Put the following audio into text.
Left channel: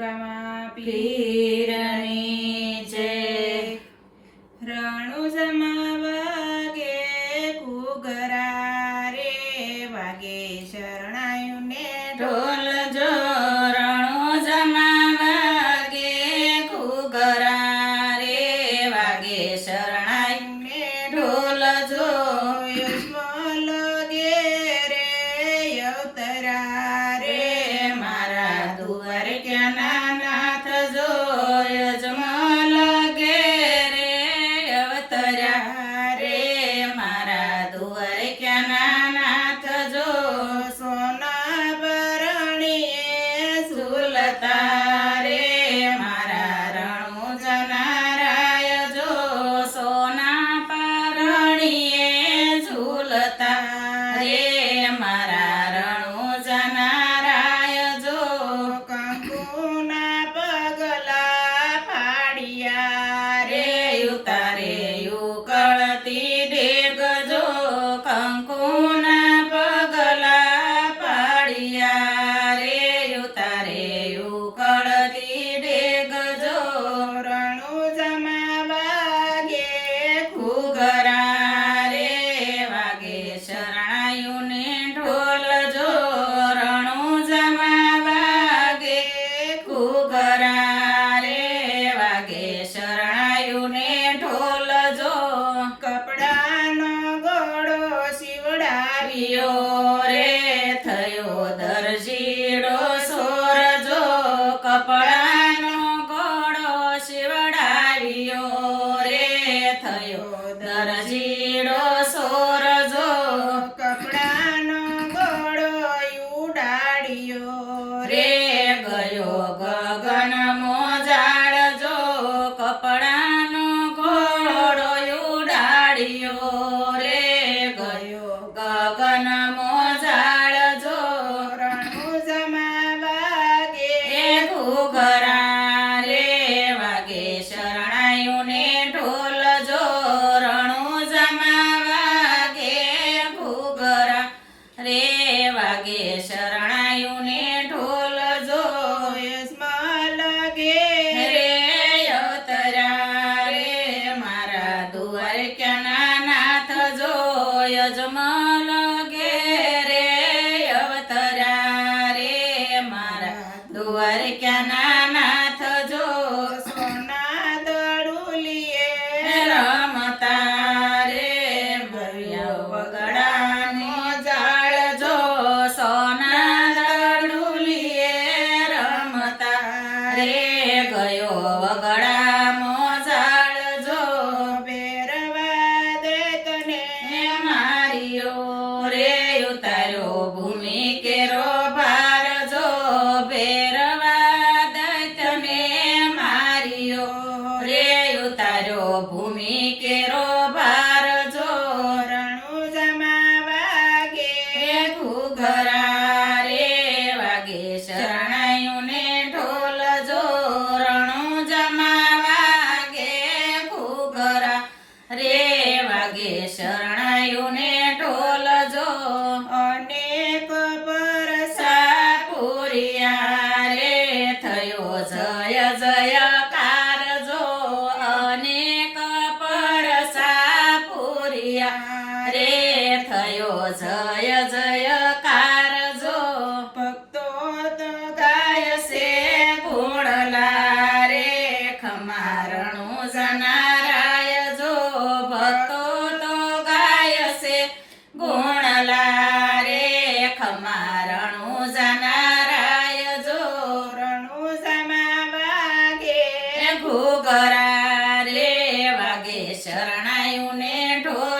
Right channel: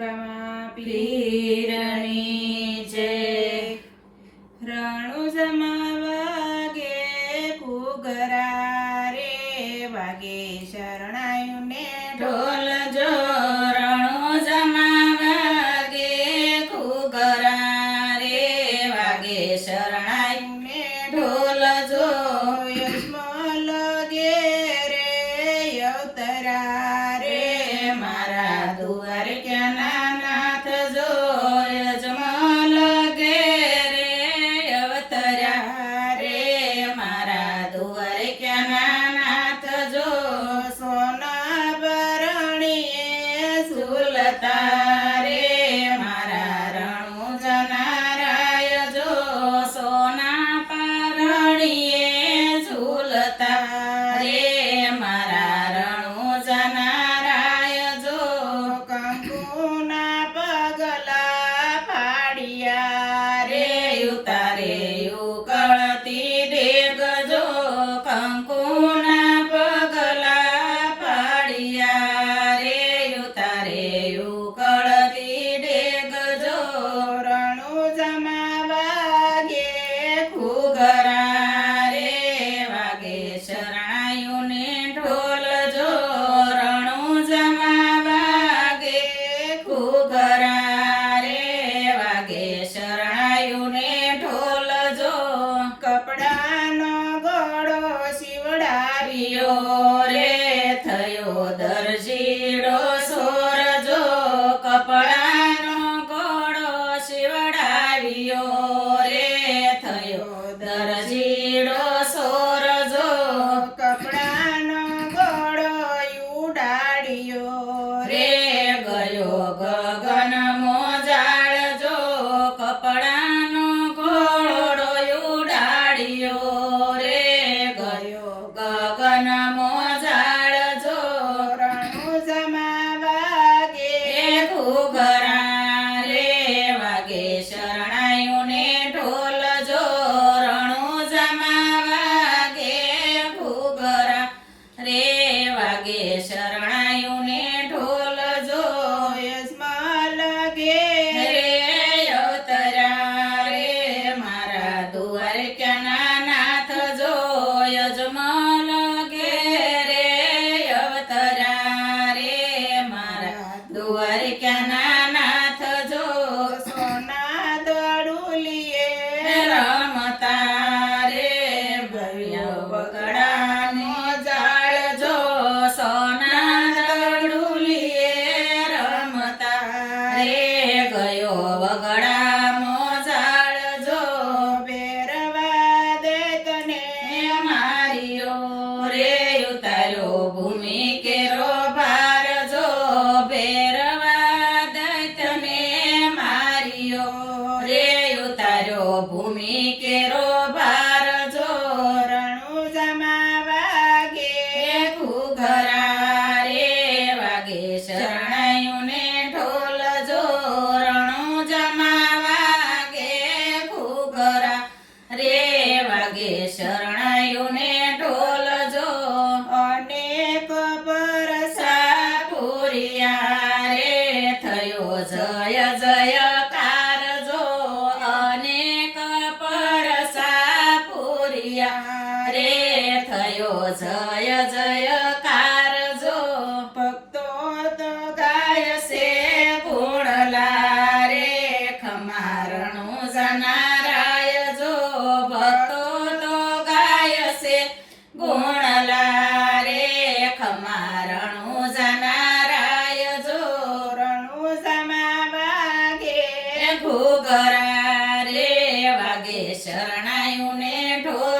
રામા પીરની જય. રણુજમાં વાગે ઘૂઘરા રે, વાગે શરણાયુને ઢોલ જો. રણુજમાં વાગે ઘૂઘરા રે, વાગે શરણાયુને ઢોલ જો. યજમલ ઘેરે અવતરા રે, મારા દ્વારકાના નાથ જો. યજમલ ઘેરે અવતરા રે, મારા દ્વારકાના નાથ જો. સોના ભરણીએ ઝૂલતા રે, મારા રણુજના રાય જો. સોના ભરણીએ ઝૂલતા રે, મારા રણુજના રાય જો. કંકુના પગલા ફાડ્યા રે, ઉતારે ઉકળતી ડેગ જો. કંકુના પગલા ફાડ્યા રે, ઉતારે ઉકળતી ડેગ જો. રણુજમાં વાગે ઘૂઘરા રે, વાગે શરણાયુને ઢોલ જો. રણુજમાં વાગે ઘૂઘરા રે, વાગે શરણાયુને ઢોલ જો. કપડાનો ઘોડો શિવડાવ્યો રે, થયો દરજીડો સોર જો. કપડાનો ઘોડો શિવડાવ્યો રે, થયો દરજીડો સોર જો. કપડાનો ઘોડો ઉડાડ્યો રે, ગયો ગગન મોજાળ જો. કપડાનો ઘોડો ઉડાડ્યો રે, ગયો ગગન મોજાળ જો. રણુજમાં વાગે ઘૂઘરા રે, વાગે શરણાયુને ઢોલ જો. રણુજમાં વાગે ઘૂઘરા રે, વાગે શરણાયુને ઢોલ જો. યજમલ ઘેરે અવતરા રે, મારા દ્વારકાના નાથ જો. યજમલ ઘેરે અવતરા રે, મારા દ્વારકાના નાથ જો. સોના દડુલીએ રમતા રે, ગયો વગડાનો જાળ જો. સોના દડુલીએ રમતા રે, ગયો વગડાનો જાળ જો. બેરવા દૈતને માર્યો રે, ઉતાર્યો ભૂમિ કેરો ભાર જો. બેરવા દૈતને માર્યો રે, ઉતાર્યો ભૂમિ કેરો ભાર જો. રણુજમાં વાગે ઘૂઘરા રે, વાગે શરણાયુને ઢોલ જો. રણુજમાં વાગે ઘૂઘરા રે, વાગે શરણાયુને ઢોલ જો. અનેક બરસા પૂર્યા રે, થયો જય જયકાર જો. અનેક પરસા પૂર્યા રે, થયો જય જયકાર જો. ભક્તો તો ગાય છે ગુણલા રે, ખમા રણુજના રાય જો. ભક્તો તો ગાય છે ગુણલા રે, ખમા રણુજના રાય જો. રણુજમાં વાગે ઘૂઘરા રે, વાગે શરણાયુને ઢોલ